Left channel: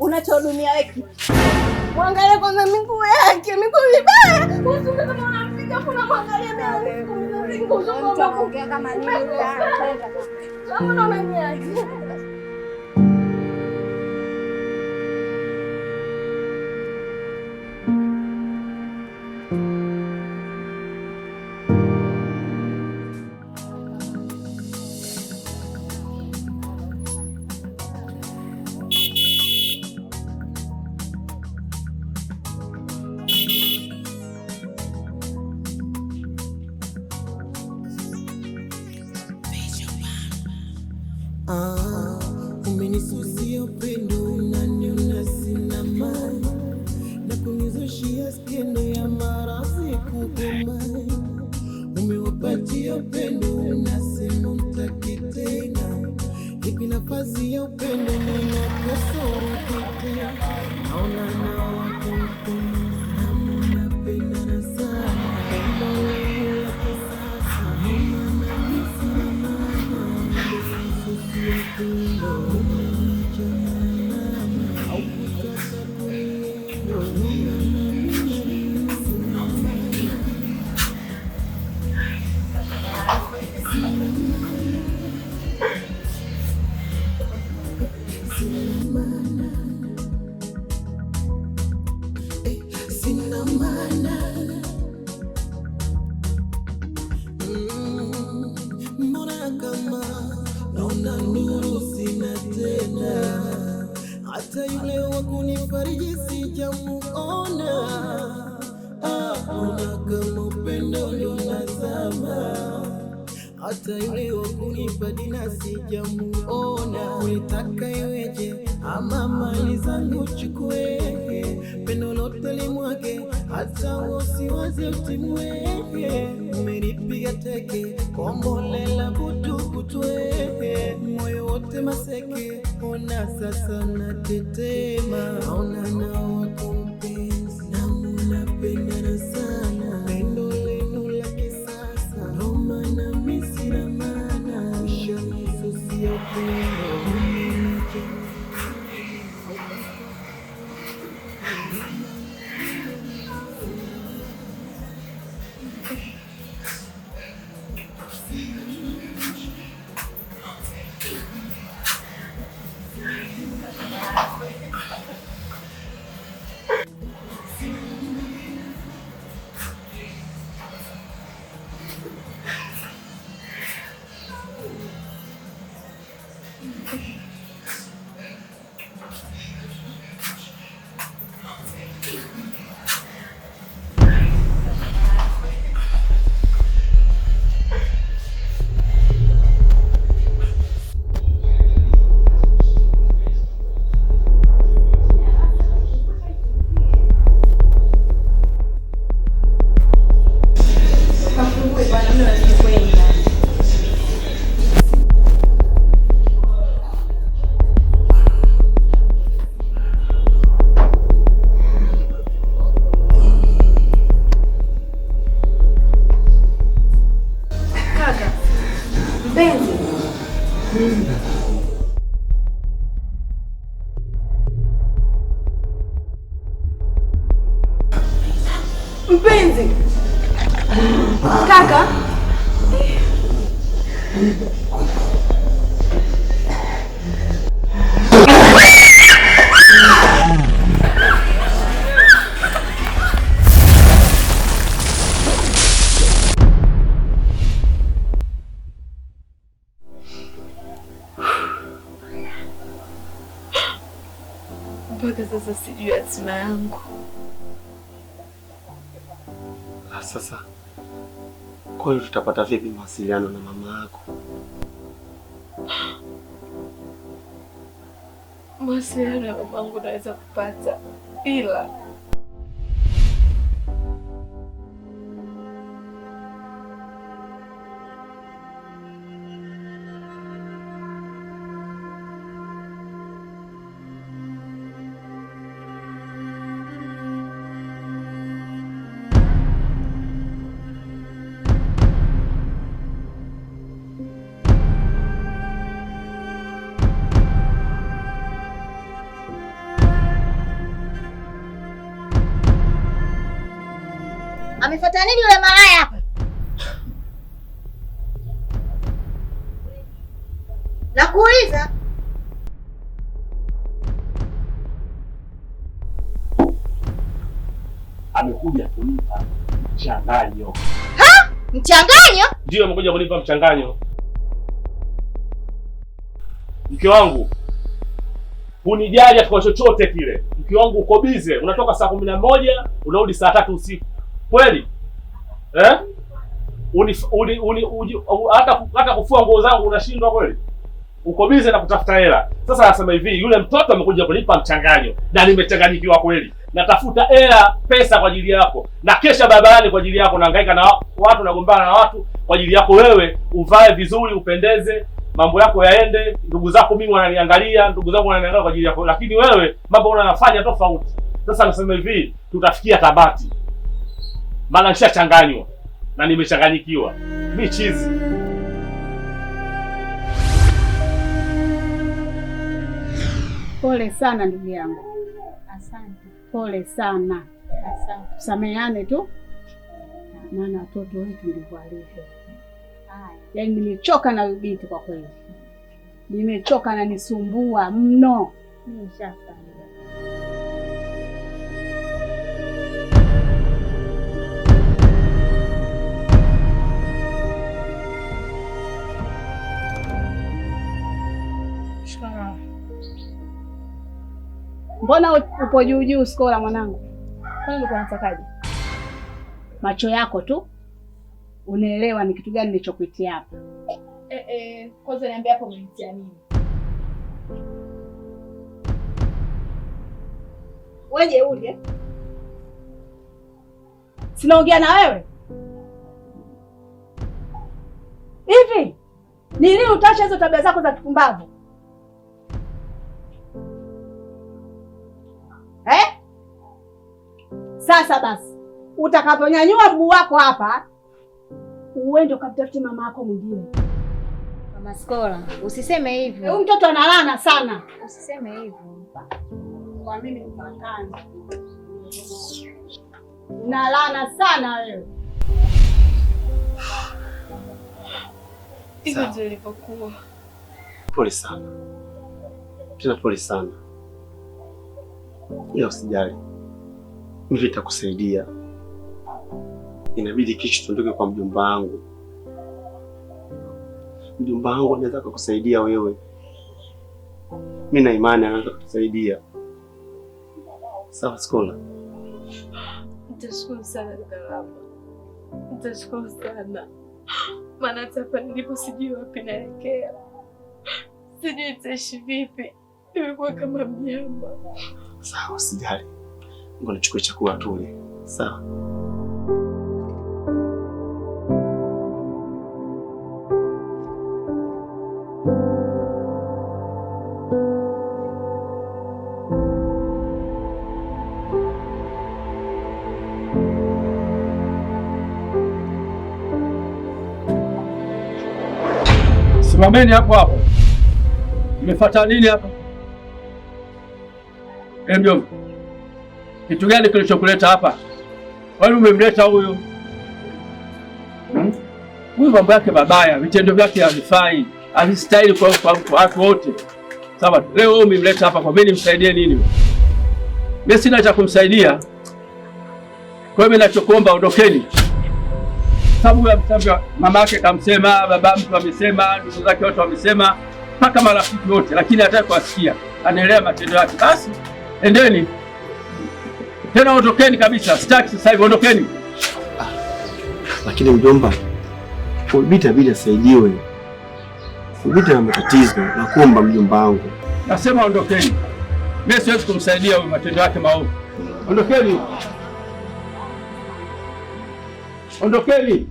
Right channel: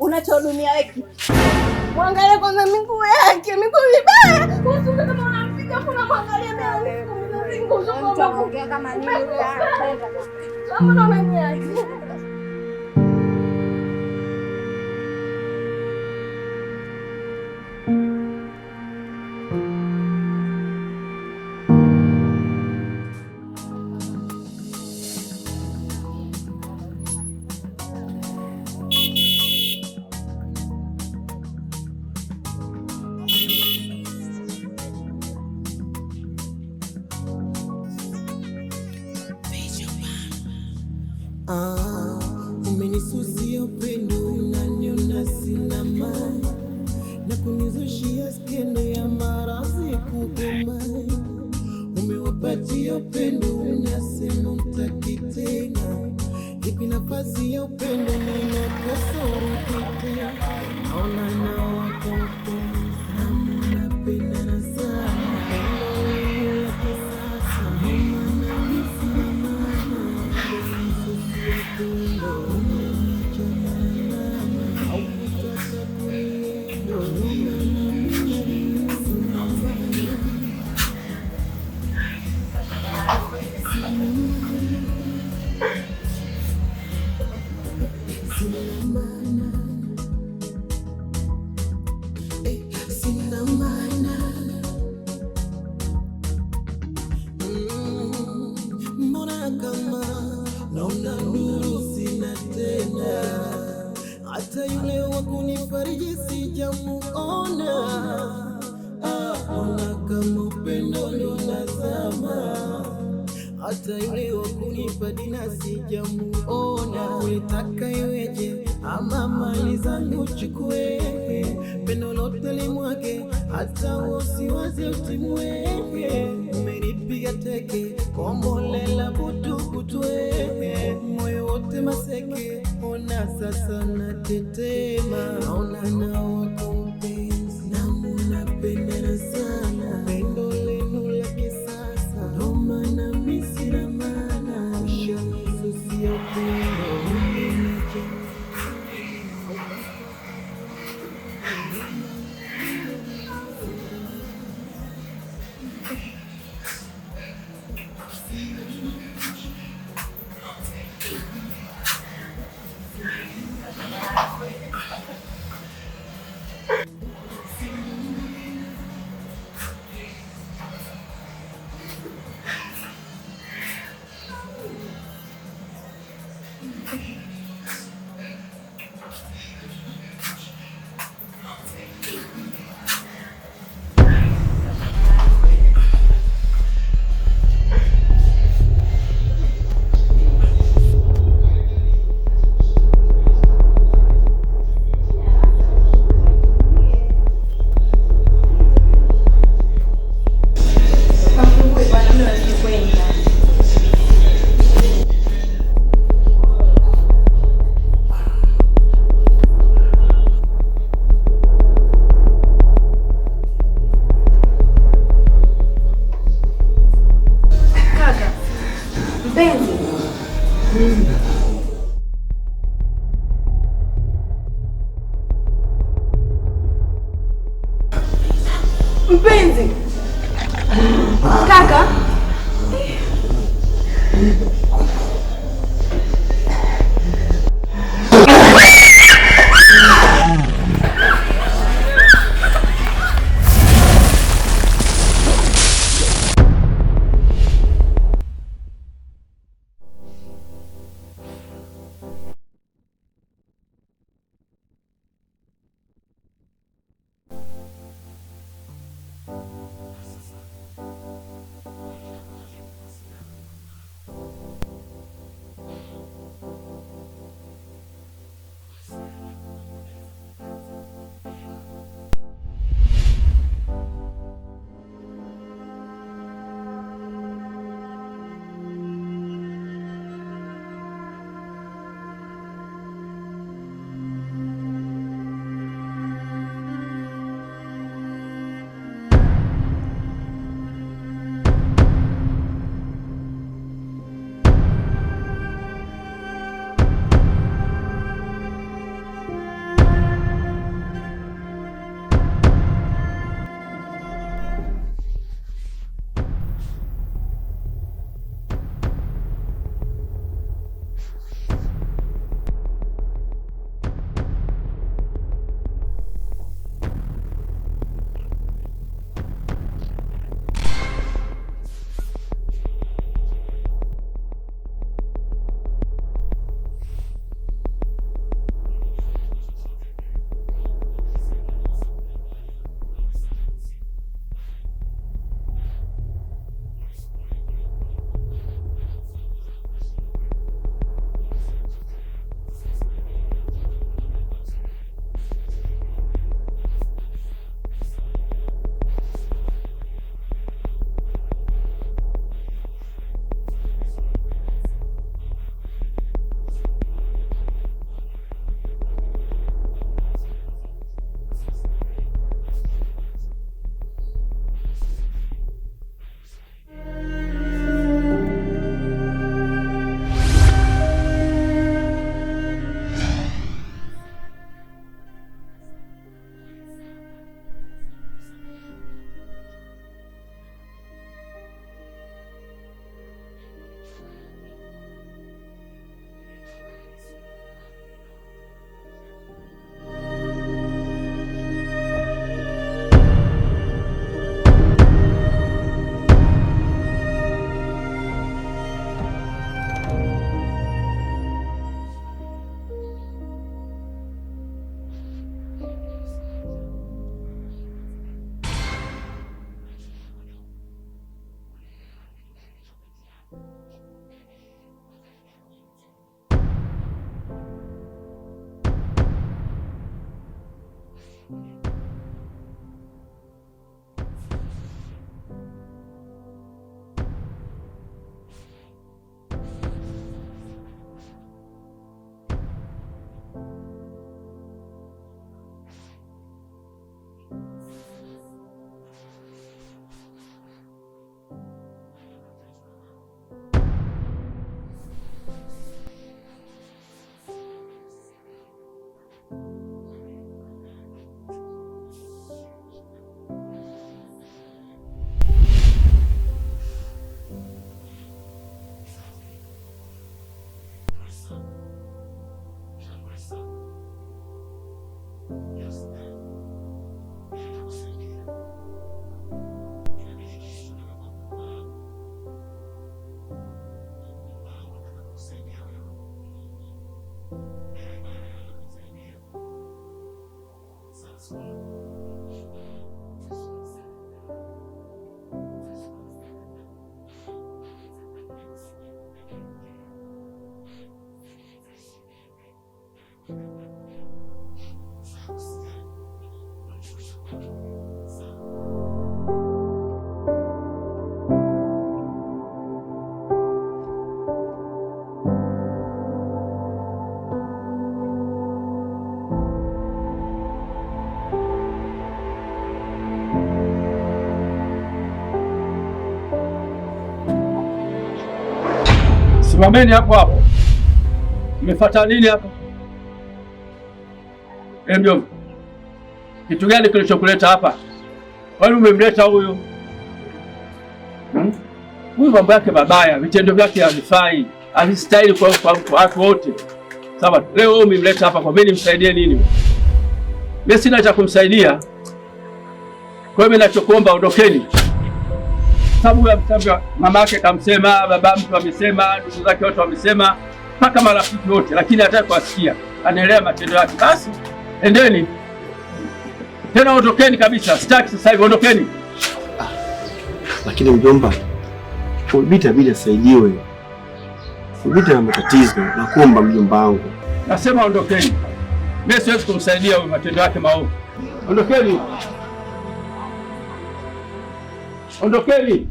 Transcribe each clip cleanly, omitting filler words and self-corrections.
Unachodumia wewe. Mwangalie kwanza miguu yake, miguu vibaya. Usione kama unampiga kuna mwangalia mimi. Utaongea kama nini wewe? Kama unaniaje? Umenisusia upendo unaniona sina mali na kunizushia skendo ya maradhi kukomai. Umewapatia upendo unasema mtaki tena, ipi nafasi ya upendo ninakosa urudi tena. Naona nao wako mpenda mnapendana sana, pendo lenu la kisasa mama sina maana. Umenisusia upendo sina maana. Mbona kama naona nuru sina tena, hata yule wa kunifariji sijamuona. Mbona kama upendo unazama, hata yule wa kunipa dina sijamuona. Ulitaka iweje ama mali zangu chukue, pendo lote limwage, hata usiwaze utimwe. Umenipiga teke kombolela butu kutwe, moyo wote maseke, ona sasa natetema. Naona nao wako mpenzi na munapendana sana, pendo lenu la kisasa ndo maana mimi sina maana. Ushanisusia upendo mpenzi. Kaka mpaka sasa sijui hatima yangu. Sasa kwa hiyo tutapata vipi mawasiliano na mama yako? Mawasiliano ya mamangu naweza kupata, ila Amefuata nini yule malaya hapa? Nakuuliza. Amekuja kunipa mchanganyo. Ha? Mchanganyo? Ndio, amekuja kunipa mchanganyo. Mke wangu, hunijali kwa chochote kile. Mke wangu uko bize, unatoka saa 11 unarudi saa 3 usiku. Kweli? Hata kufua nguo zangu unashindwa kweli? Uko bize na kutafuta hela. Sasa nasema hivi, yule mtoto amekuja kunipa mchanganyo na nimechanganyikiwa kweli. Natafuta hela, pesa kwa ajili yako. Na kesha barabarani kwa ajili yako, nahangaika na watu, nagombana na watu kwa ajili yako wewe, uvae vizuri, upendeze, mambo yako yaende. Ndugu zako mimi wananiangalia, ndugu zangu wananiangalia kwa ajili yako. Lakini wewe mambo unayofanya tofauti. Sasa nasema hivi, tutafikia tabati. Maana nishachanganywa na nimechanganyikiwa. Mimi chizi. Pole sana ndugu yangu. Asante. Pole sana. Asante. Tusameheane tu. Maana watoto wetu ndivyo walivyo. Yaani nimechoka na binti kwa kweli. Nimechoka na nisumbua mno. Nimeshafa. Mbona upo juu juu Skola mwanangu? Kwani ulikuwa unatakaje? Macho yako tu unaelewa ni kitu gani nilichokuitia hapa. Kwanza niambia hapo umenitia nini? Wewe uje. Sinaongea na wewe. Hivi ni lini utaacha hizo tabia zako za kipumbavu? Sasa basi, utakaponyanyua mguu wako hapa, uende ukamtafute mama yako mwingine. Mama Skola, usiseme hivyo. Huyu mtoto analana sana. Usiseme hivyo. Kwa mimi mpakani. Unalana sana wewe. Hivyo ndio ilivyokuwa. Pole sana. Tena pole sana. Ila usijali. Mimi nitakusaidia. Inabidi kesho tuondoke kwa mjomba wangu. Mjomba wangu anaweza kukusaidia wewe. Mimi na imani anaweza kukusaidia. Sawa Skola? Nitashukuru sana dada. Nitashukuru sana. Maana hapa nilipo sijui wapi naelekea. Sijui nitaishi vipi. Nimekuwa kama mnyama. Sawa, usijali. Ngoja nichukue chakula tule. Sawa. Simameni hapo hapo. Mmefuata nini hapa? Mjomba. Kitu gani kilichokuleta hapa? Kwani umemleta huyu? Huyu mambo yake mabaya, vitendo vyake havifai, havistahili kwa watu wote. Sawa, leo wewe umemleta hapa kwa mimi nimsaidie nini? Mimi sina cha kumsaidia. Kwa hiyo mimi ninachokuomba ondokeni. Sababu ya mtambia mama yake kamsema, baba mtu amesema, ndugu zake wote wamesema, mpaka marafiki wote, lakini hataki kuasikia. Anaelewa matendo yake. Basi endeni. Tena ondokeni kabisa. Sitaki sasa hivi, ondokeni. Lakini mjomba, Ulbita bila asaidiwe. Ulbita na matatizo, nakuomba mjomba wangu. Nasema ondokeni. Mimi siwezi kumsaidia huyu matendo yake maovu. Ondokeni. Ondokeni.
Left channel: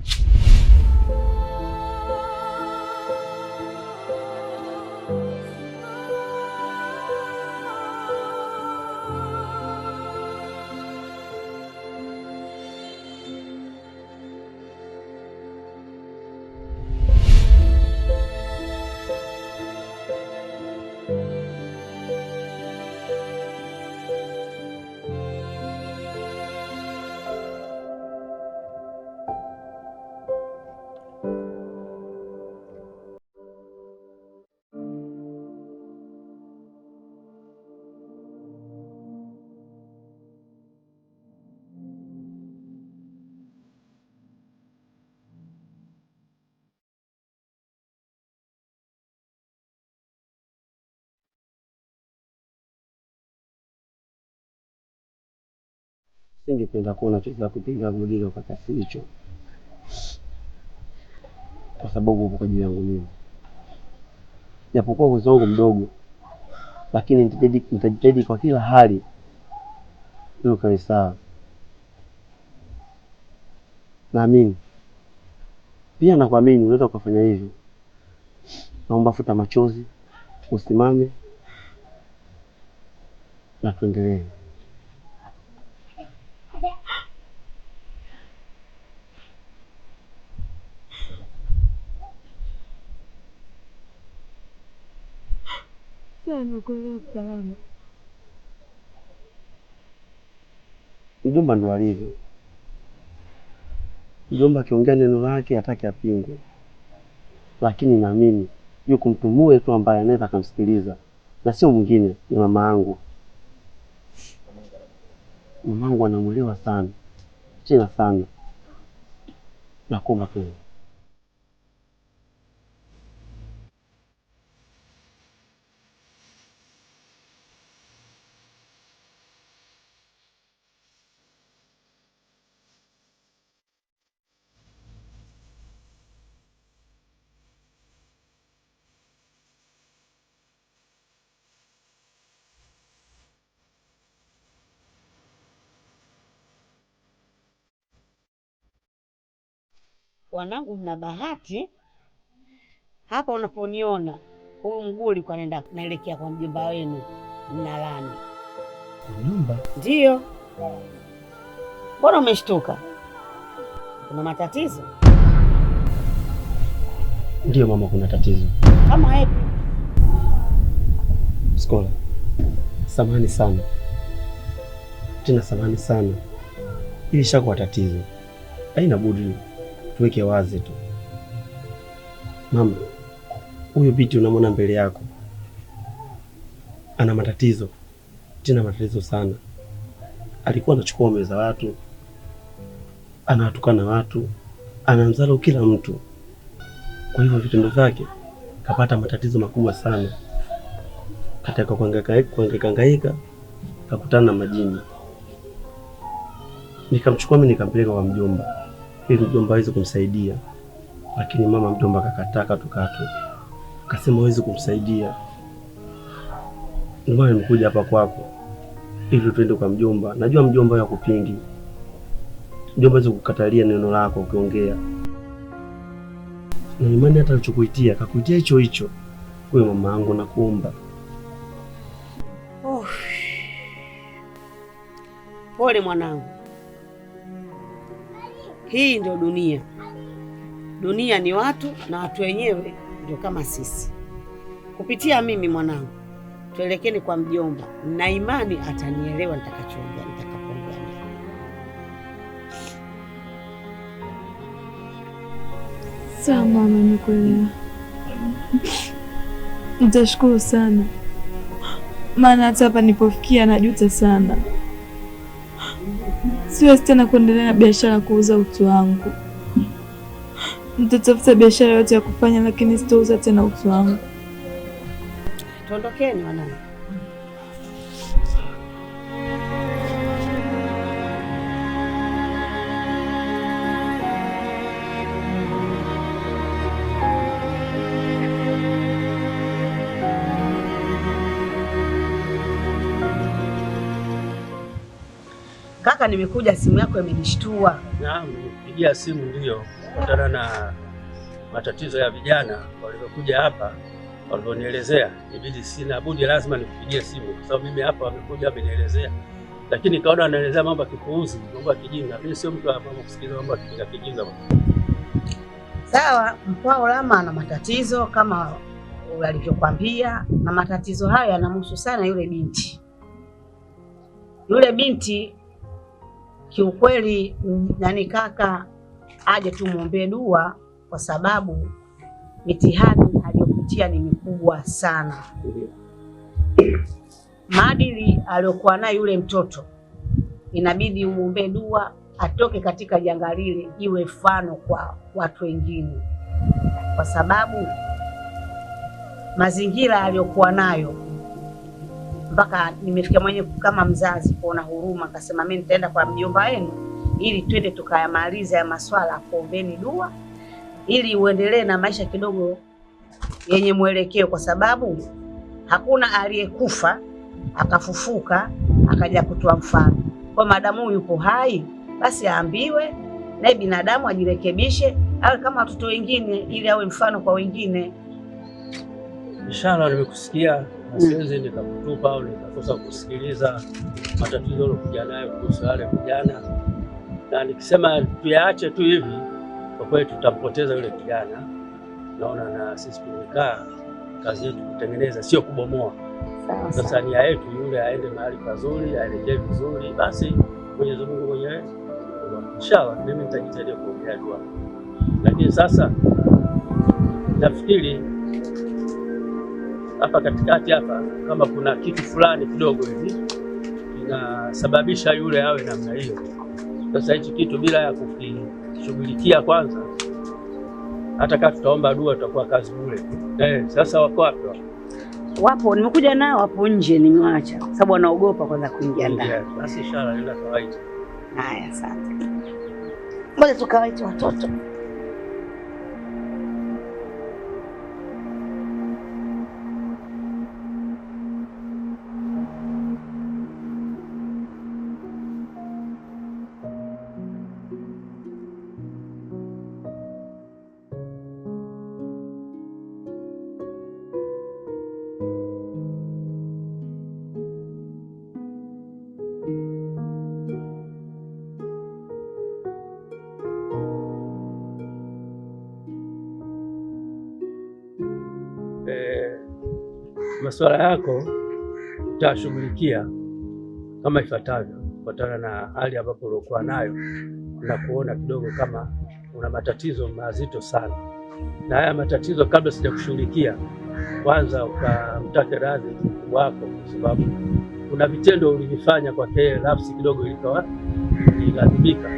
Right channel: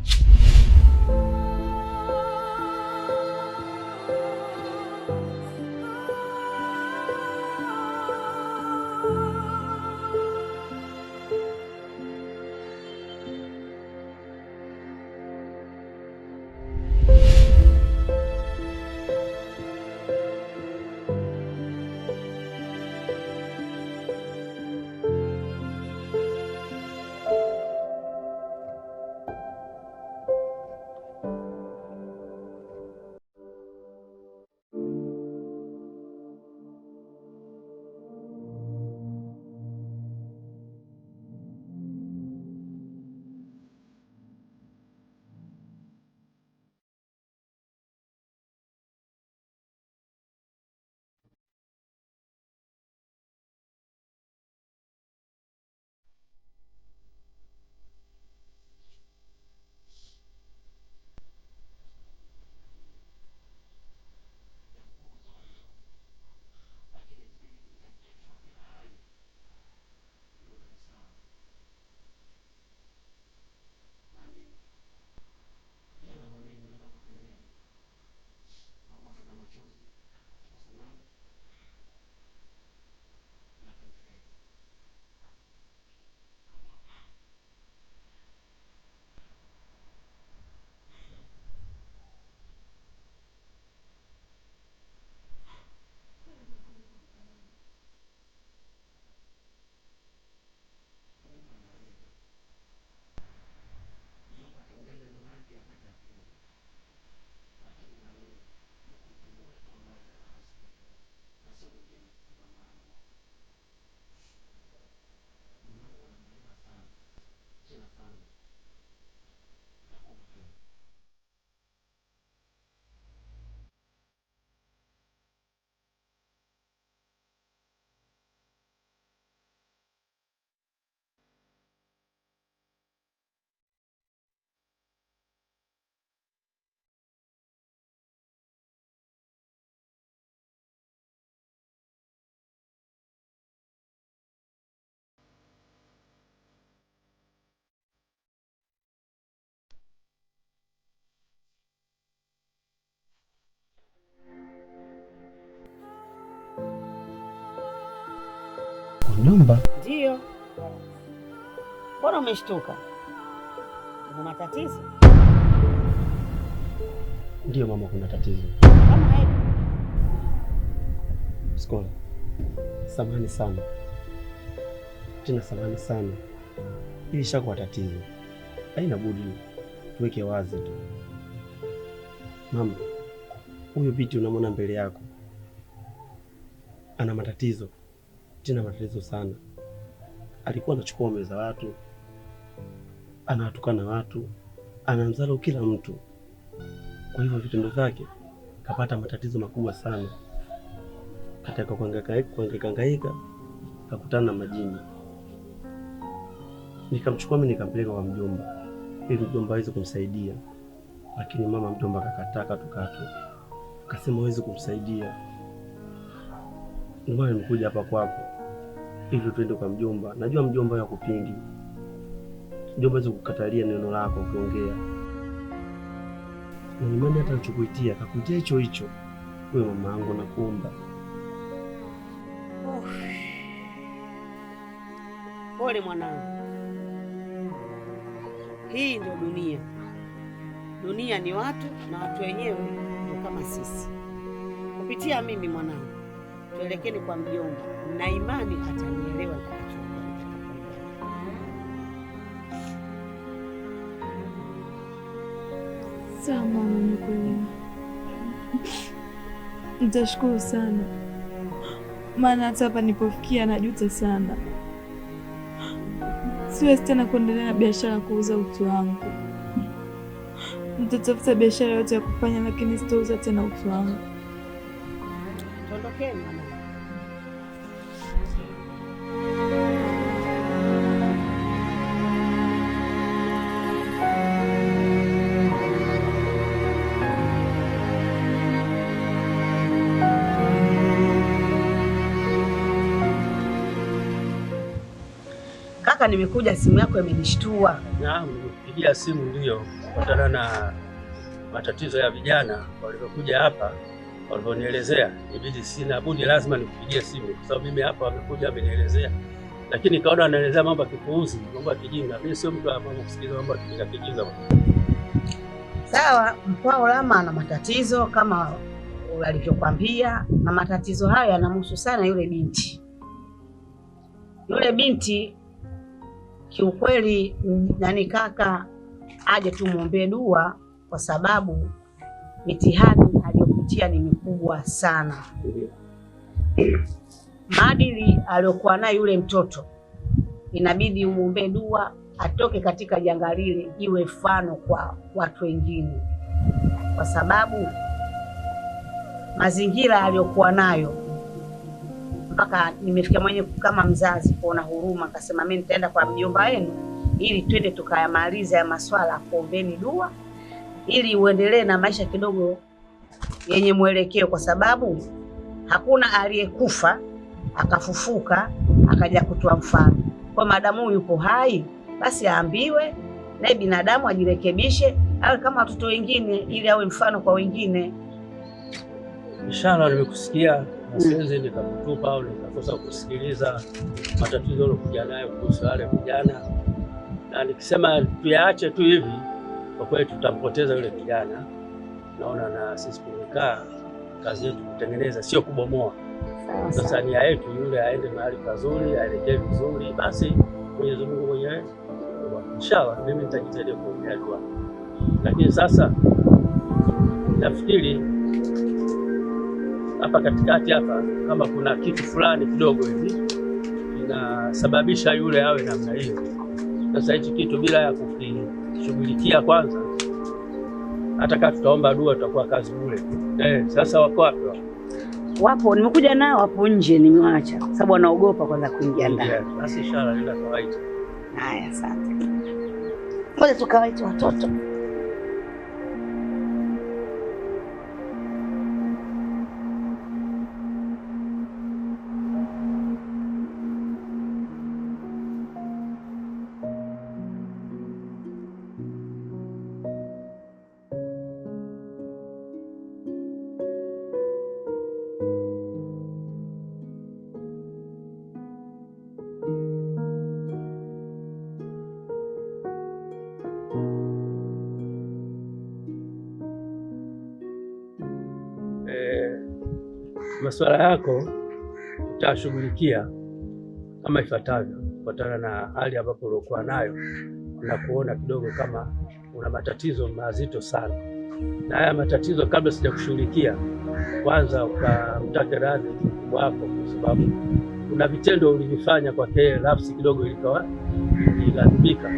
singependa kuona tuweza kupinga mlilo kwa kiasi hicho, kwa sababu upo kwa ajili yangu mimi. Japokuwa uwezo wangu mdogo, lakini nitajitahidi kwa kila hali ili ukae sawa. Naamini pia, nakuamini unaweza ukafanya hivyo. Naomba futa machozi, usimame na tuendelee. Mjomba ndo alivyo. Mjomba akiongea neno lake hataki apingwe, lakini naamini yuko mtu mmoja tu ambaye anaweza kumsikiliza, na sio mwingine, ni mama yangu. Mamangu anamuelewa sana, tena sana. Nakuomba tu. Wanangu, mna bahati hapa unaponiona. Huyu mguu ulikuwa naelekea kwa mjomba wenu Mnalani. Mjomba? Ndio. Mbona umeshtuka? Kuna matatizo? Ndio mama, kuna tatizo. Kama hepi? Skola, samahani sana, tena samahani sana. Hili shakuwa tatizo, haina budi tuweke wazi tu. Mama, huyo binti unamwona mbele yako ana matatizo, tena matatizo sana. Alikuwa anachukua meza za watu, anawatukana watu, anamdharau kila mtu. Kwa hivyo vitendo vyake kapata matatizo makubwa sana. Katika kuhangaika kakutana na majini. Nikamchukua mimi nikampeleka kwa mjomba ili mjomba aweze kumsaidia, lakini mama mjomba akakataa katukatu, akasema hawezi kumsaidia. Ndio maana nimekuja hapa kwako ili tuende kwa mjomba. Najua mjomba yakupingi, mjomba hawezi kukatalia neno lako ukiongea, na imani hata alichokuitia kakuitia hicho hicho. Kwa mama yangu nakuomba. Pole mwanangu, hii ndio dunia. Dunia ni watu, na watu wenyewe ndio kama sisi. Kupitia mimi mwanangu, tuelekeni kwa mjomba, na imani atanielewa nitakachoongea nitakapoongea. Sawa mama, nimekuelewa. Nitashukuru sana, maana hata hapa nipofikia najuta sana. Siwezi tena kuendelea na biashara ya kuuza utu wangu. Nitatafuta biashara yote ya kufanya, lakini sitauza tena utu wangu. Tuondokeni wanangu. Kaka, nimekuja, simu yako imenishtua. Naam, nimekupigia simu ndio kutana na matatizo ya vijana walivyokuja hapa, walivyonielezea. Ibidi sina budi, lazima nikupigie simu kwa sababu mimi hapa wamekuja wamenielezea, lakini kaona wanaelezea mambo ya kipuuzi, mambo ya kijinga. Mimi sio mtu wa mambo kusikiza mambo ya kijinga. Sawa, Mkwao Lama ana matatizo kama alivyokuambia, na matatizo hayo yanamhusu sana yule binti. Yule binti kiukweli, nani kaka, aje tumuombee dua, kwa sababu mitihani aliyopitia ni mikubwa sana. Maadili aliyokuwa nayo yule mtoto, inabidi umuombee dua atoke katika janga lile, iwe mfano kwa watu wengine, kwa sababu mazingira aliyokuwa nayo mpaka nimefikia mwenyewe kama mzazi kuona huruma, akasema mimi nitaenda kwa mjomba wenu ili twende tukayamaliza ya maswala, kuombeni dua ili uendelee na maisha kidogo yenye mwelekeo, kwa sababu hakuna aliyekufa akafufuka akaja kutoa mfano. Kwa madamu yupo hai, basi aambiwe naye binadamu ajirekebishe, awe kama watoto wengine, ili awe mfano kwa wengine. Inshallah, nimekusikia. Siwezi nikakutupa au nikakosa kusikiliza matatizo yalokuja nayo kuhusu wale vijana, na nikisema tuyaache tu hivi, kwa kweli tutampoteza yule kijana. Naona na sisi tumekaa, kazi yetu kutengeneza, sio kubomoa. Sasa nia yetu yule aende mahali pazuri, aelekee vizuri, basi Mwenyezi Mungu mwenyewe inshallah, mimi nitajitahidi kuombea dua. Lakini sasa nafikiri hapa katikati hapa kama kuna kitu fulani kidogo hivi inasababisha yule awe namna hiyo. Sasa hichi kitu bila ya kukishughulikia kwanza, hata kama tutaomba dua tutakuwa kazi bure. Sasa wako wapi? Wapo, nimekuja nao hapo nje, nimewaacha kwa sababu wanaogopa kwanza kuingia ndani. Basi inshallah nenda kawaida. Haya, asante. Ngoja tukawaite watoto. Masuala yako utashughulikia kama ifuatavyo, kufuatana na hali ambapo ulikuwa nayo na kuona kidogo kama una matatizo mazito sana. Na haya matatizo, kabla sijakushughulikia, kwanza ukamtake radhi mkubwa wako, kwa sababu kuna vitendo ulivifanya kwake nafsi kidogo ilighadhibika.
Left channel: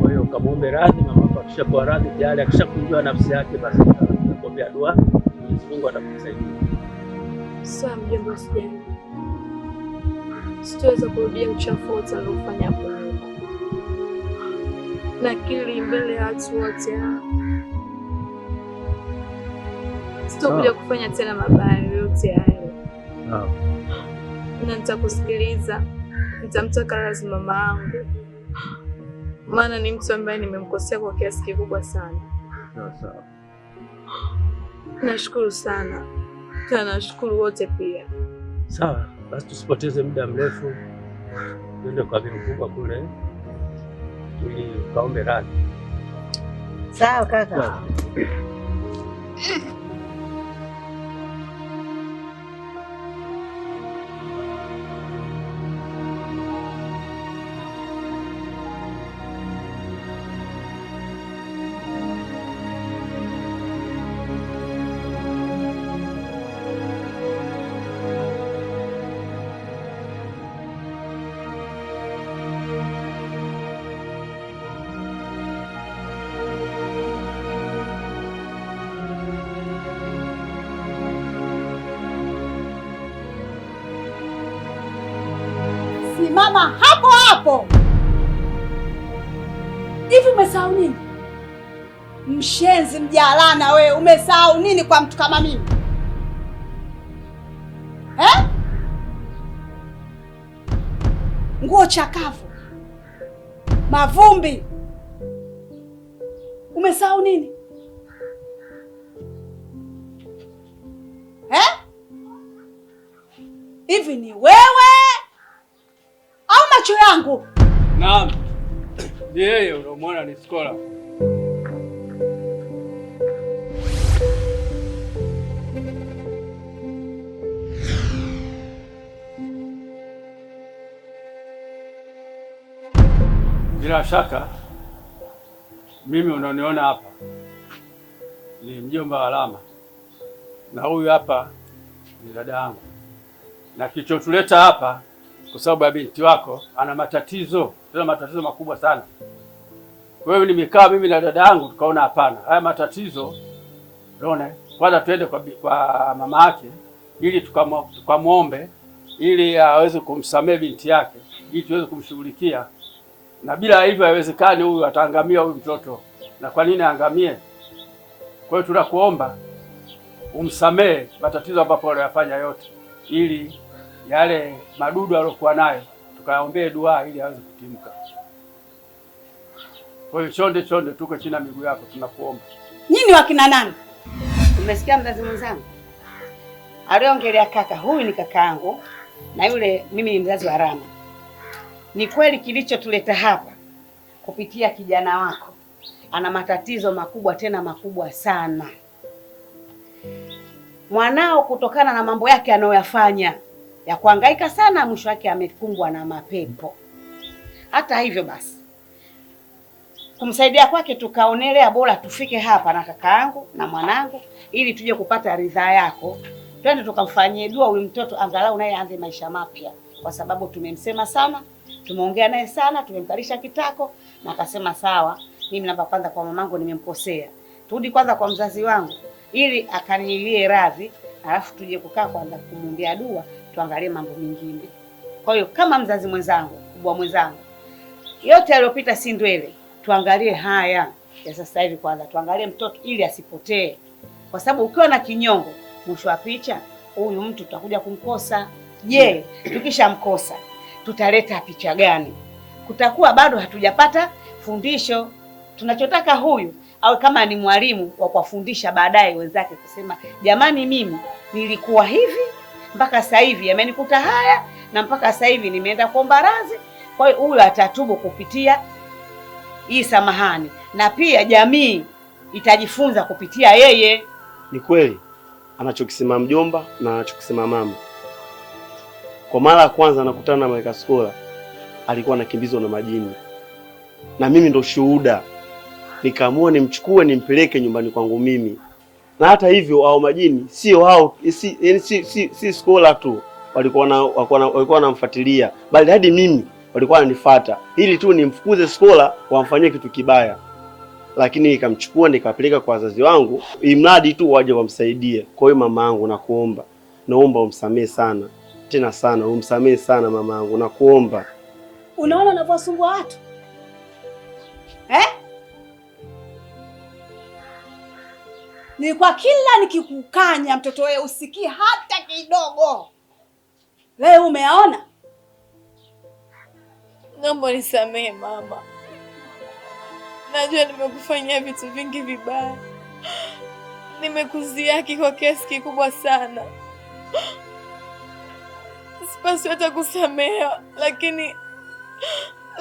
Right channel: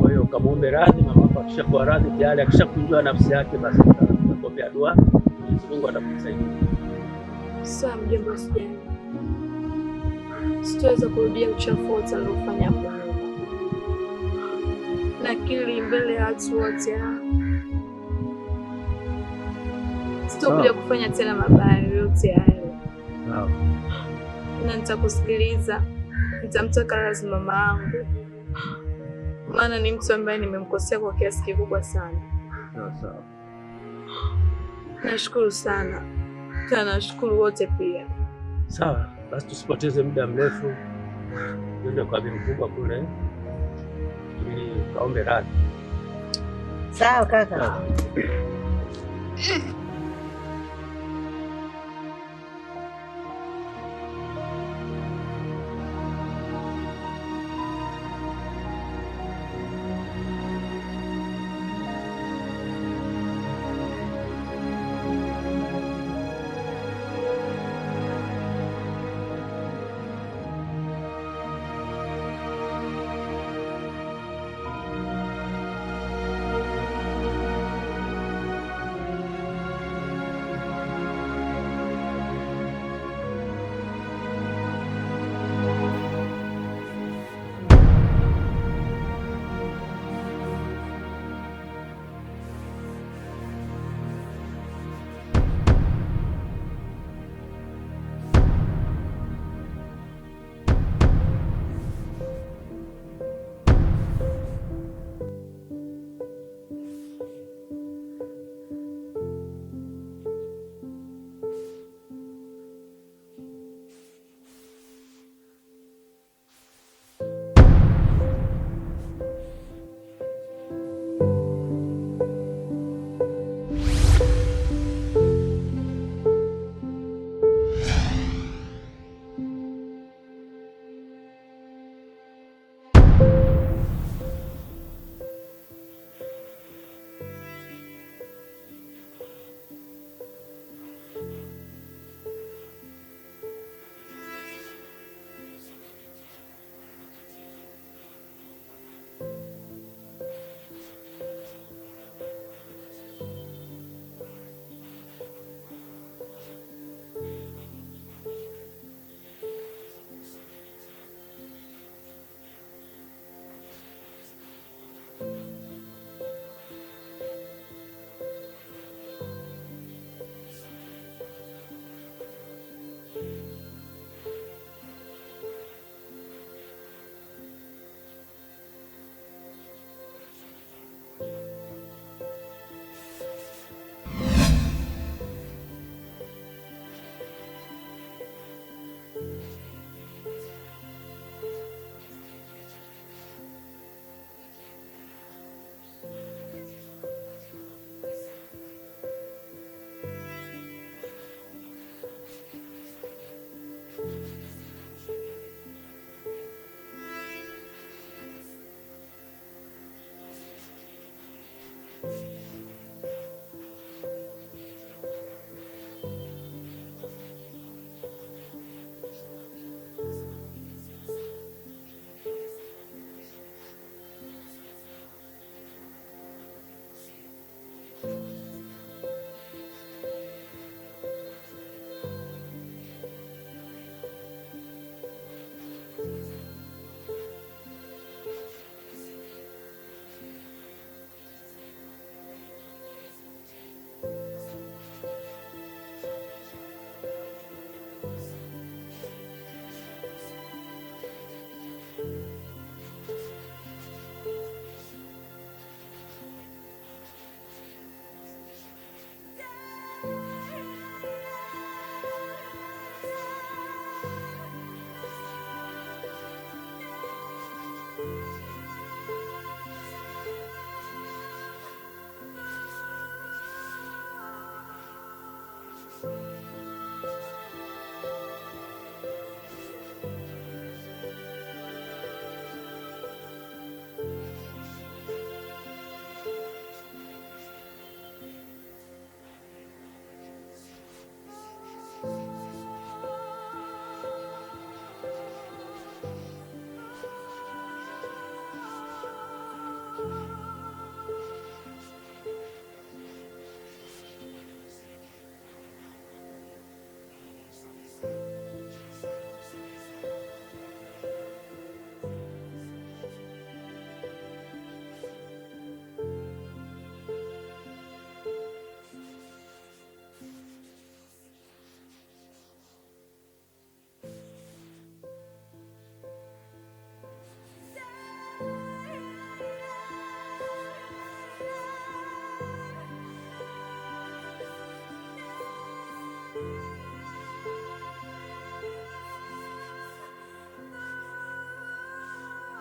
Kwa hiyo ukamwombe radhi. Mama yako akishakuwa radhi tayari, akishakujua nafsi yake, basi utakuombea dua, Mwenyezi Mungu atakusaidia. Sawa mjomba, usijali. Sitaweza kurudia uchafu wote aliofanya hapo nyuma. Nakiri mbele ya watu wote. Sitakuja kufanya tena mabaya yote hayo. Sawa. Na nitakusikiliza. Nitamtaka radhi mama yangu, maana ni mtu ambaye nimemkosea kwa kiasi kikubwa sana. Sawa. Nashukuru sana. Nashukuru wote pia. Sawa, basi tusipoteze muda mrefu, twende kwa bibi mkubwa kule ili ukaombe radhi. Sawa kaka. Simama hapo hapo. Hivi umesahau nini? Mshenzi mjalana wewe, umesahau nini kwa mtu kama mimi? Nguo chakavu, mavumbi. Umesahau nini? Hivi ni wewe au macho yangu? Naam. Ni yeye unamwona ni Skola. Bila shaka mimi unaniona hapa ni mjomba wa Lama, na huyu hapa ni dada yangu, na kilichotuleta hapa kwa sababu ya binti wako ana matatizo, tena matatizo makubwa sana. Kwa hiyo nimekaa mimi na dada yangu tukaona hapana, haya matatizo unaona, kwanza tuende kwa mama yake ili tukamwombe ili aweze kumsamehe binti yake, ili tuweze kumshughulikia, na bila hivyo haiwezekani huyu ataangamia huyu mtoto. Na kwa nini aangamie? Kwa hiyo tunakuomba umsamehe matatizo ambapo aliyofanya yote, ili yale madudu aliyokuwa nayo tukaombee dua ili aweze kutimka. Kwa hiyo chonde, tuko chini ya miguu yako, tunakuomba. Nyinyi wakina nani? Umesikia mzazi mwenzangu aliongelea kaka? Huyu ni kaka yangu na yule mimi ni mzazi wa Rama. Ni kweli kilichotuleta hapa kupitia kijana wako, ana matatizo makubwa, tena makubwa sana. Mwanao kutokana na mambo yake anayoyafanya ya kuhangaika sana, mwisho wake amekumbwa na mapepo. Hata hivyo basi, kumsaidia kwake tukaonelea bora tufike hapa na kaka yangu na mwanangu, ili tuje kupata ridhaa yako, twende tukamfanyie dua huyu mtoto, angalau naye aanze maisha mapya, kwa sababu tumemsema sana, tumeongea naye sana, tumemkalisha kitako na akasema sawa, mimi namba kwanza kwa mamangu nimemkosea, turudi kwanza kwa mzazi wangu ili akanilie radhi, alafu tuje kukaa kwanza kumwombea dua, tuangalie mambo mengine. Kwa hiyo kama mzazi mwenzangu, kubwa mwenzangu, yote aliyopita si ndwele, tuangalie haya ya sasa hivi kwanza, tuangalie mtoto ili asipotee, kwa sababu ukiwa na kinyongo, mwisho wa picha huyu mtu tutakuja kumkosa. Je, tukishamkosa tutaleta picha gani? Kutakuwa bado hatujapata fundisho. Tunachotaka huyu au kama ni mwalimu wa kuwafundisha baadaye wenzake, kusema jamani, mimi nilikuwa hivi mpaka sasa hivi yamenikuta haya, na mpaka sasa hivi nimeenda kuomba radhi. Kwa hiyo huyu atatubu kupitia hii samahani, na pia jamii itajifunza kupitia yeye. Ni kweli anachokisema mjomba na anachokisema mama. Kwa mara ya kwanza nakutana na Malaika Skola, alikuwa anakimbizwa na majini, na mimi ndo shuhuda. Nikaamua nimchukue nimpeleke nyumbani kwangu mimi. Na hata hivyo hao majini sio hao, si Skola tu walikuwa wanamfuatilia, bali hadi mimi walikuwa wananifuata ili tu nimfukuze Skola wamfanyie kitu kibaya. Lakini nikamchukua nikapeleka kwa wazazi wangu, imradi tu waje wamsaidie. Kwa hiyo mama yangu, naomba umsamehe sana, tena sana, umsamehe sana mama yangu, nakuomba. Unaona unavyowasumbua watu Ni kwa kila nikikukanya mtoto wewe usikie hata kidogo. Leo umeaona? Naomba nisamehe mama. Najua nimekufanyia vitu vingi vibaya. Nimekuziaki kwa kiasi kikubwa sana. Sipaswi hata kusamehewa, lakini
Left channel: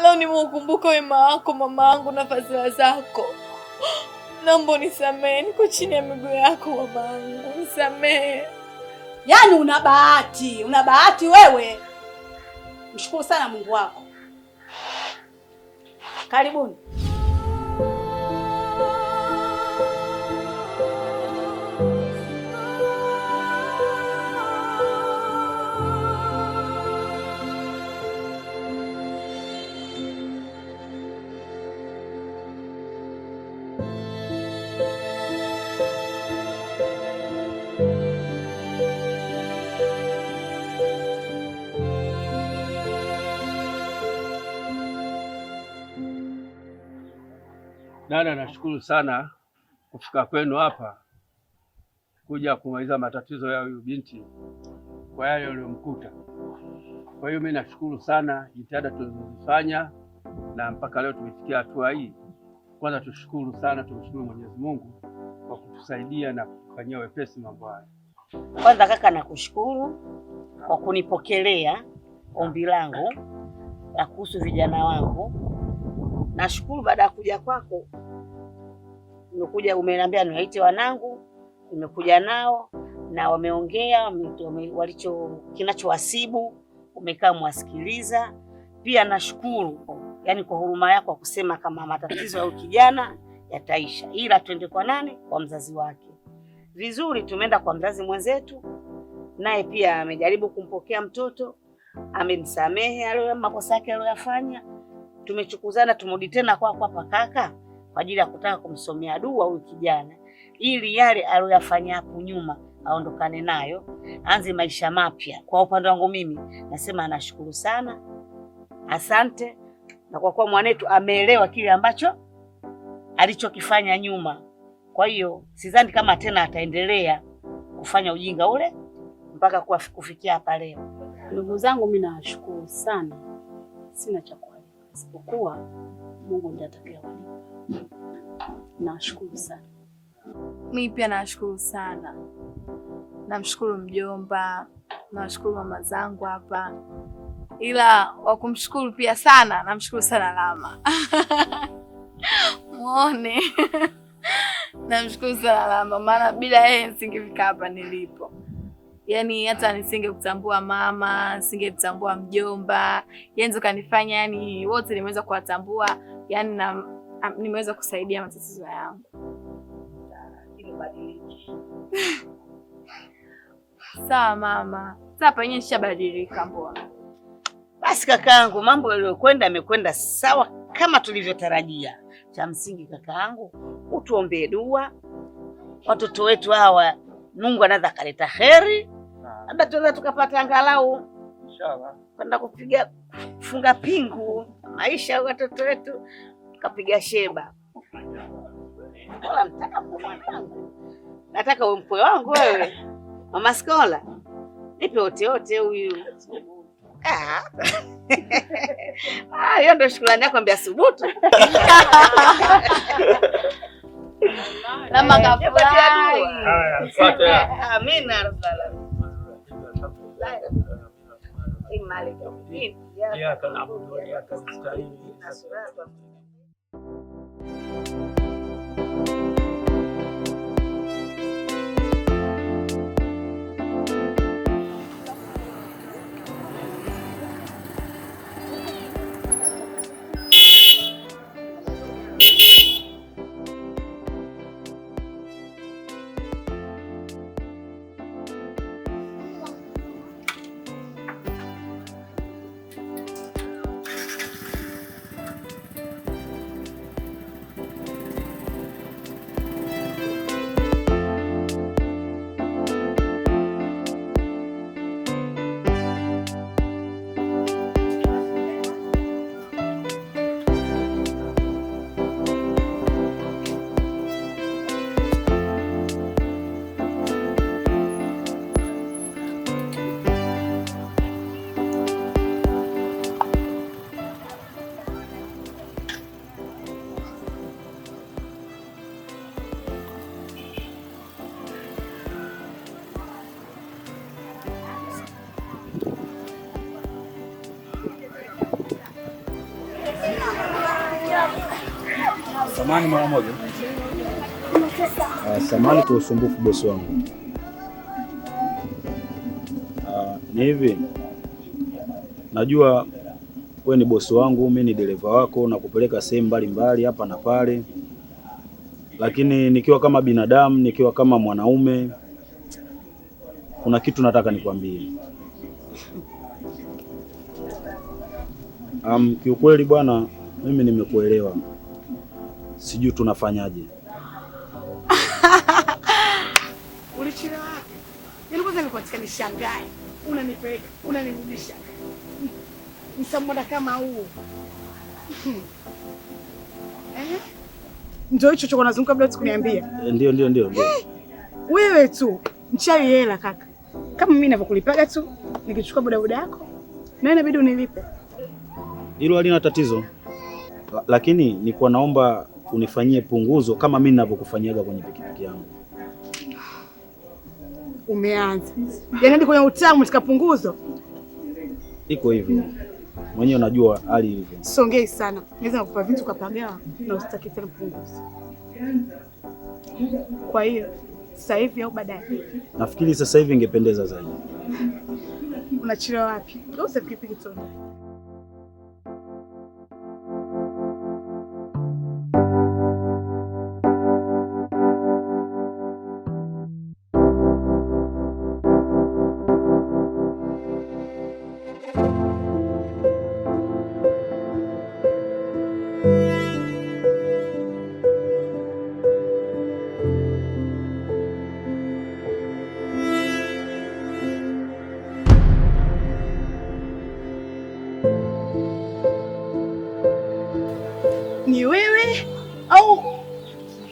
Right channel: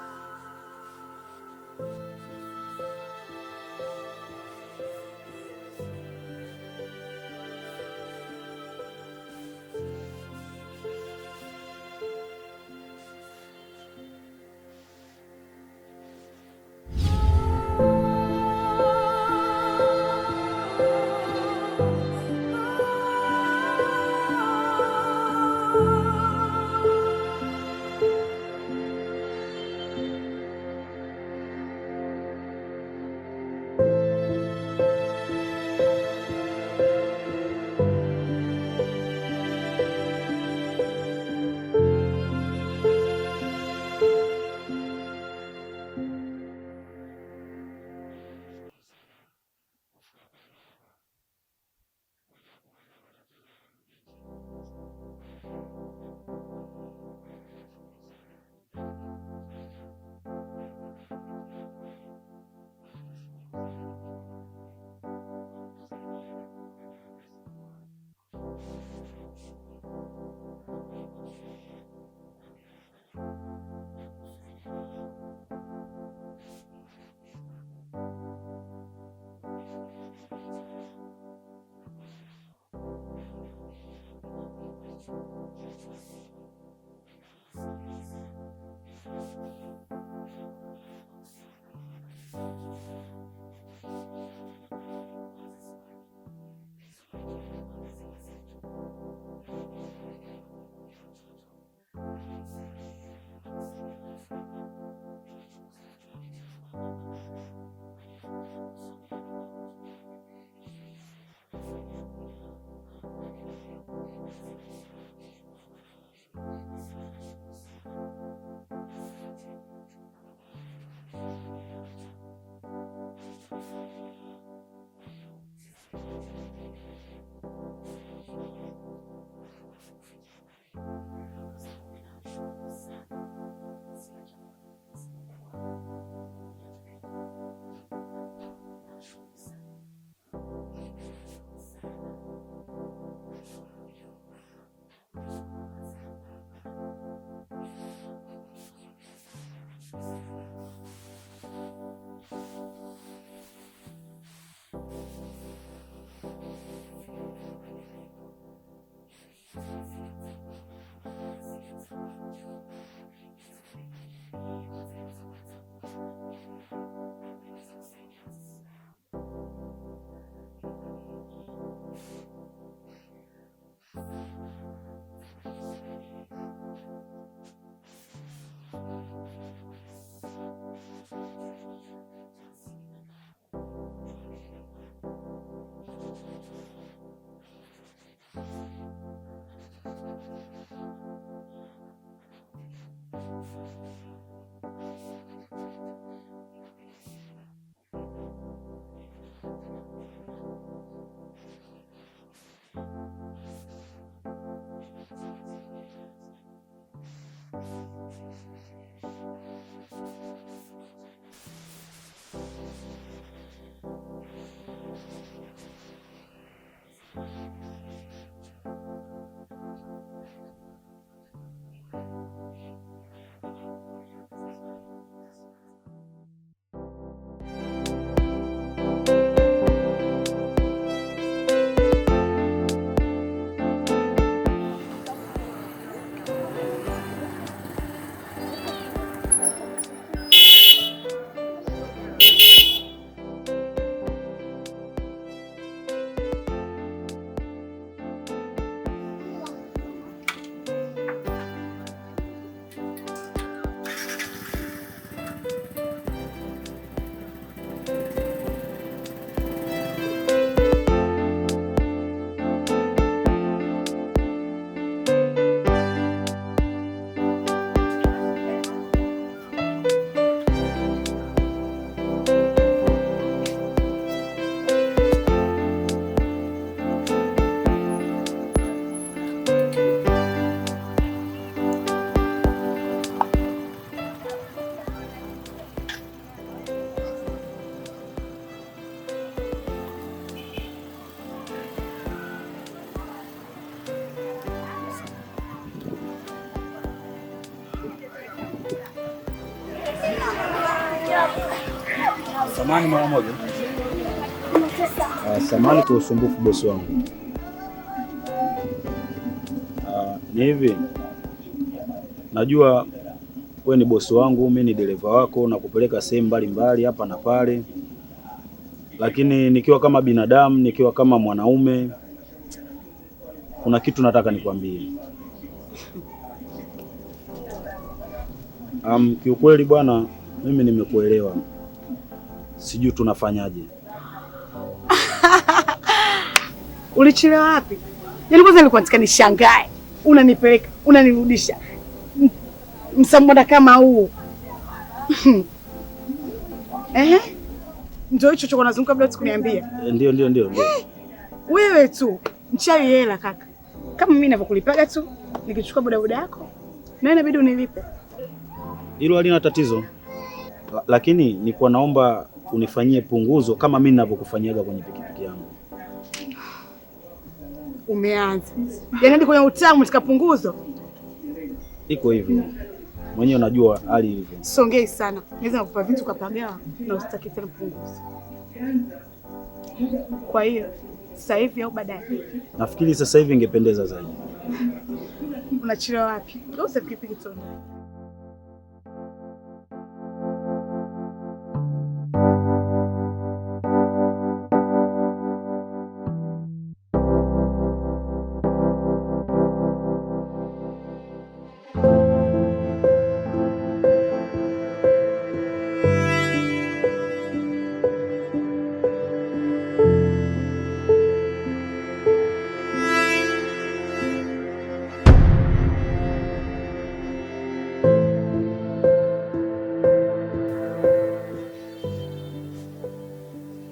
leo nimeukumbuka wema wako mama yangu na fadhila zako. Naomba nisamehe, niko chini ya miguu yako mama yangu, nisamehe. Yaani una bahati wewe. Mshukuru sana Mungu wako. Karibuni. Dada, nashukuru sana kufika kwenu hapa kuja kumaliza matatizo ya huyu binti kwa yale yaliyomkuta. Kwa hiyo mimi nashukuru sana jitihada tulizofanya na mpaka leo tumefikia hatua hii. Kwanza tumshukuru Mwenyezi Mungu kwa kutusaidia na kufanyia wepesi mambo haya. Kwanza kaka, nakushukuru kwa kunipokelea ombi langu la kuhusu vijana wangu. Nashukuru baada ya kuja kwako, nimekuja umeniambia niwaite wanangu, nimekuja nao na wameongea kinachowasibu, umekaa mwasikiliza. Pia nashukuru yani kwa huruma yako kusema kama matatizo ya kijana yataisha, ila twende kwa nani? Kwa mzazi wake. Vizuri, tumeenda kwa mzazi mwenzetu, naye pia amejaribu kumpokea mtoto, amemsamehe alio makosa yake aliyofanya. Tumechukuzana, tumrudi tena kwako hapa kaka, kwa ajili ya kutaka kumsomea dua huyu kijana, ili yale aliyofanya hapo nyuma aondokane nayo, aanze maisha mapya. Kwa upande wangu mimi nasema anashukuru sana, asante, na kwa kuwa mwanetu ameelewa kile ambacho alichokifanya nyuma. Kwa hiyo sidhani kama tena ataendelea kufanya ujinga ule mpaka kufikia hapa leo. Ndugu zangu, mimi nawashukuru sana, sina cha kuwalipa isipokuwa Mungu ndiye atakayewalipa. Nawashukuru sana. Mimi pia nawashukuru sana. Namshukuru mjomba, nawashukuru mama zangu hapa, ila wakumshukuru pia sana, namshukuru sana Lama. Muone. Namshukuru sana Lama, maana bila yeye nisingefika hapa nilipo. Yaani hata nisingekutambua mama, nisingekutambua mjomba, yeye kanifanya, yani wote nimeweza kuwatambua, yani na nimeweza kusaidia matatizo yangu. Sawa mama. Sasa penye nishabadilika mbona? Basi kakaangu, mambo yaliyokwenda yamekwenda sawa kama tulivyotarajia. Cha msingi kakaangu, utuombee dua. Watoto wetu hawa Mungu anaweza kaleta heri. Labda tunaweza tukapata angalau inshallah kwenda kufunga pingu maisha ya watoto wetu, tukapiga sheba. Wala mtaka mwanangu. Nataka uwe mkwe wangu wewe. Mama Skola. Nipe ote huyu. Hiyo ndio shukrani yako, ambia subutu. Lama kafurahi. Haya, asante. Amina rabbal alamin. Ya kana abudu ya kana stahili. Samahani mara moja. Samahani kwa usumbufu bosi wangu. Ni hivi. Najua wewe ni bosi wangu, mimi ni dereva wako na kupeleka sehemu mbalimbali hapa na pale. Lakini nikiwa kama binadamu, nikiwa kama mwanaume, kuna kitu nataka nikwambie. Kiukweli bwana, mimi nimekuelewa. Sijui tunafanyaje. Ulichelewa wapi? Yaani kwanza nilikuwa nataka nishangae. Unanipeleka, unanirudisha. Msambona kama huu. Ndio hicho choko nazunguka bila kuniambia. Ndio. Wewe tu mchawi hela kaka. Kama mimi ninavyokulipaga tu, nikichukua bodaboda yako, na inabidi unilipe. Hilo halina tatizo. Lakini nilikuwa naomba unifanyie punguzo kama mimi ninavyokufanyiaga kwenye pikipiki yangu. Umeanza. Yaani hadi kwenye utamu utakapunguzo. Iko hivyo. Mwenyewe unajua hali hivyo. Songei sana. Naweza kukupa vitu kwa pagawa na usitaki tena punguzo. Kwa hiyo sasa hivi au baadaye? Nafikiri sasa hivi ingependeza zaidi. Unachelewa wapi? Ndio pikipiki tu.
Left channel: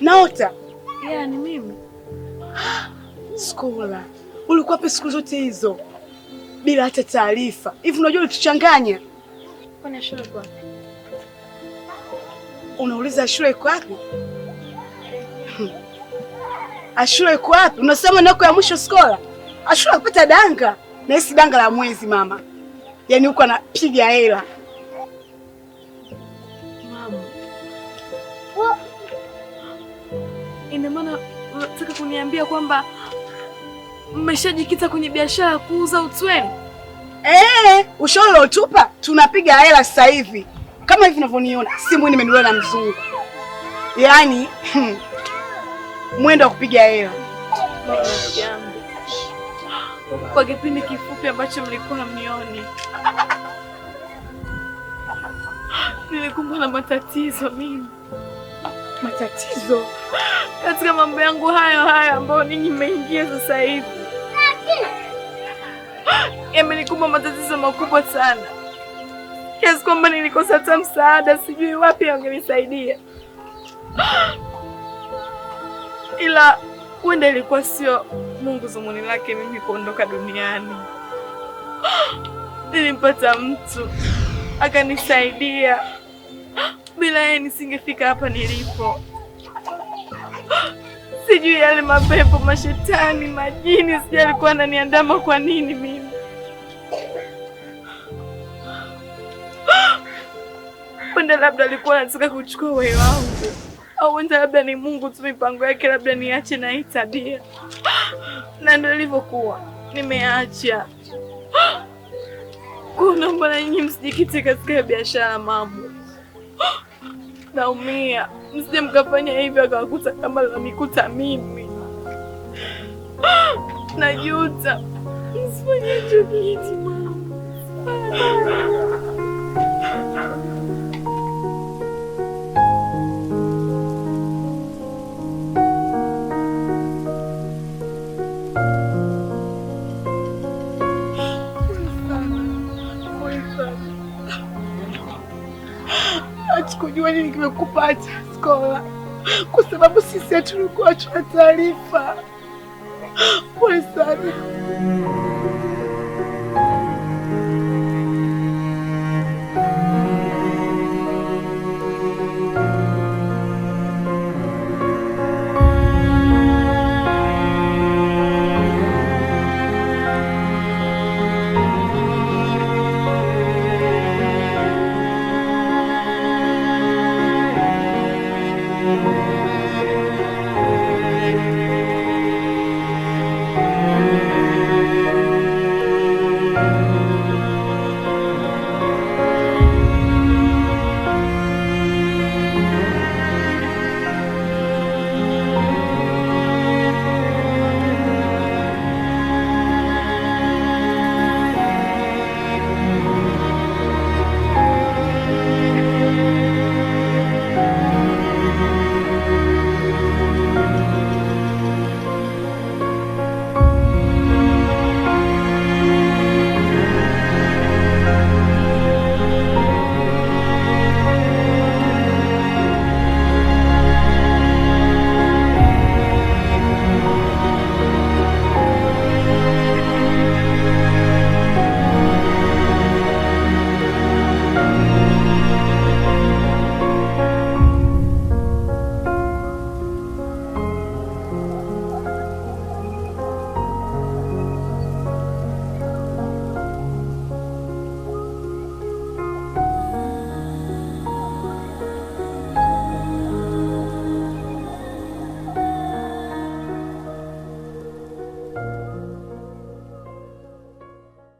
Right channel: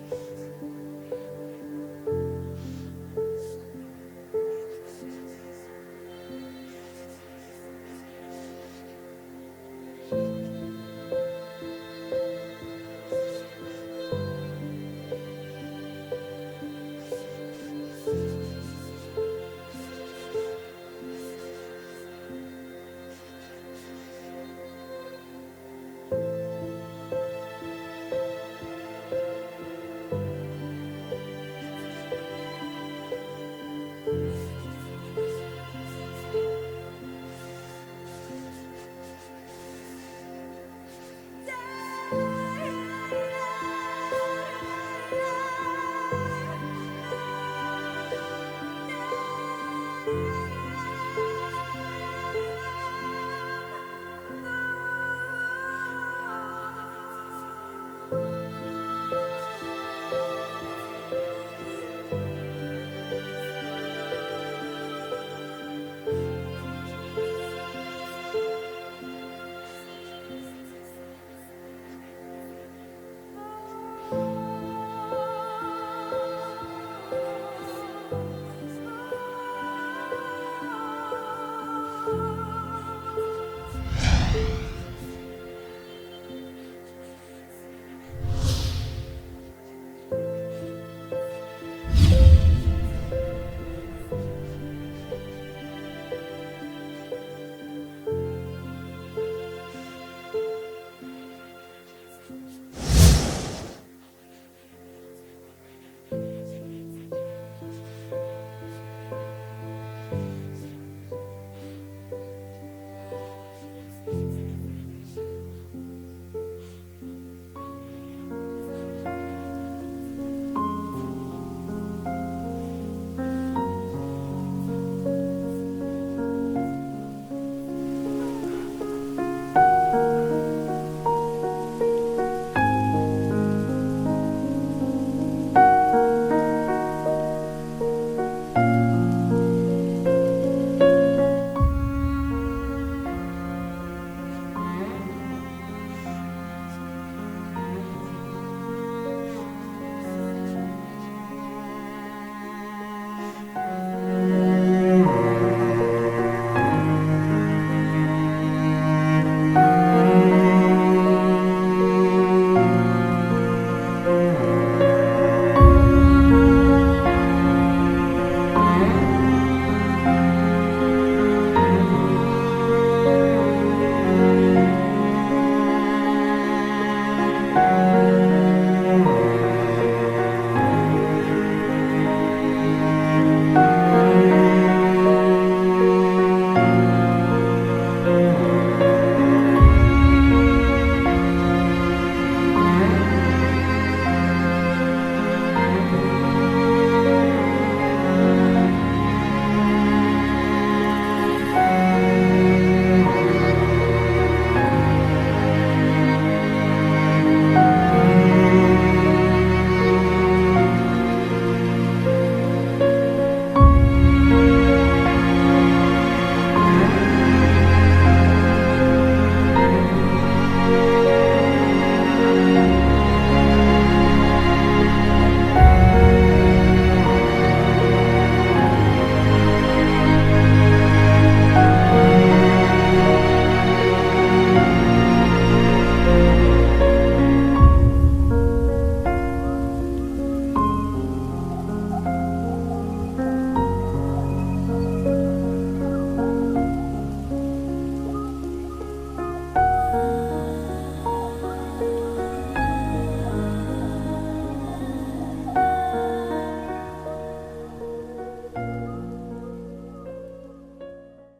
Naota? Ni mimi. Skola, ulikuwa wapi siku zote hizo bila hata taarifa? Hivi unajua ulituchanganya. Kwani shule iko wapi? Unauliza shule iko wapi? Ashule iko wapi? Unasema nako ya mwisho Skola. Ashule kupata danga. Na hisi danga la mwezi mama. Yaani huko anapiga hela. Mama. Ina maana unataka kuniambia kwamba mmeshajikita kwenye biashara ya kuuza utweni? Ushauri utupa tunapiga hela sasa hivi. Kama hivi unavyoniona, simu nimenunuliwa na mzungu. Yaani mwendo wa kupiga hela. Kwa kipindi kifupi ambacho mlikuwa mnioni, nilikumbwa na matatizo mimi. Matatizo? Katika mambo yangu hayo ambayo ninyi mmeingia sasa hivi, yamenikumba matatizo makubwa sana, kiasi kwamba nilikosa hata msaada, sijui wapi wangenisaidia. Ila huenda ilikuwa sio Mungu zumuni lake mimi kuondoka duniani. Nilimpata mtu akanisaidia, bila yeye nisingefika hapa nilipo. Sijui yale mapepo, mashetani, majini, sijui alikuwa ananiandama kwa nini mimi. Huenda labda alikuwa anataka kuchukua uhai wangu, au huenda labda ni Mungu tu, mipango yake labda niache na hii tabia. Na ndio ilivyokuwa, nimeacha. Naomba na nyinyi msijikite katika biashara mambo. Naumia, msije mkafanya hivyo akakuta kama nilikuta mimi. Najuta, msifanye hicho kitu. Kujua nini kimekupata Skola, kwa sababu sisi hatulikuwa tuna taarifa. Pole sana.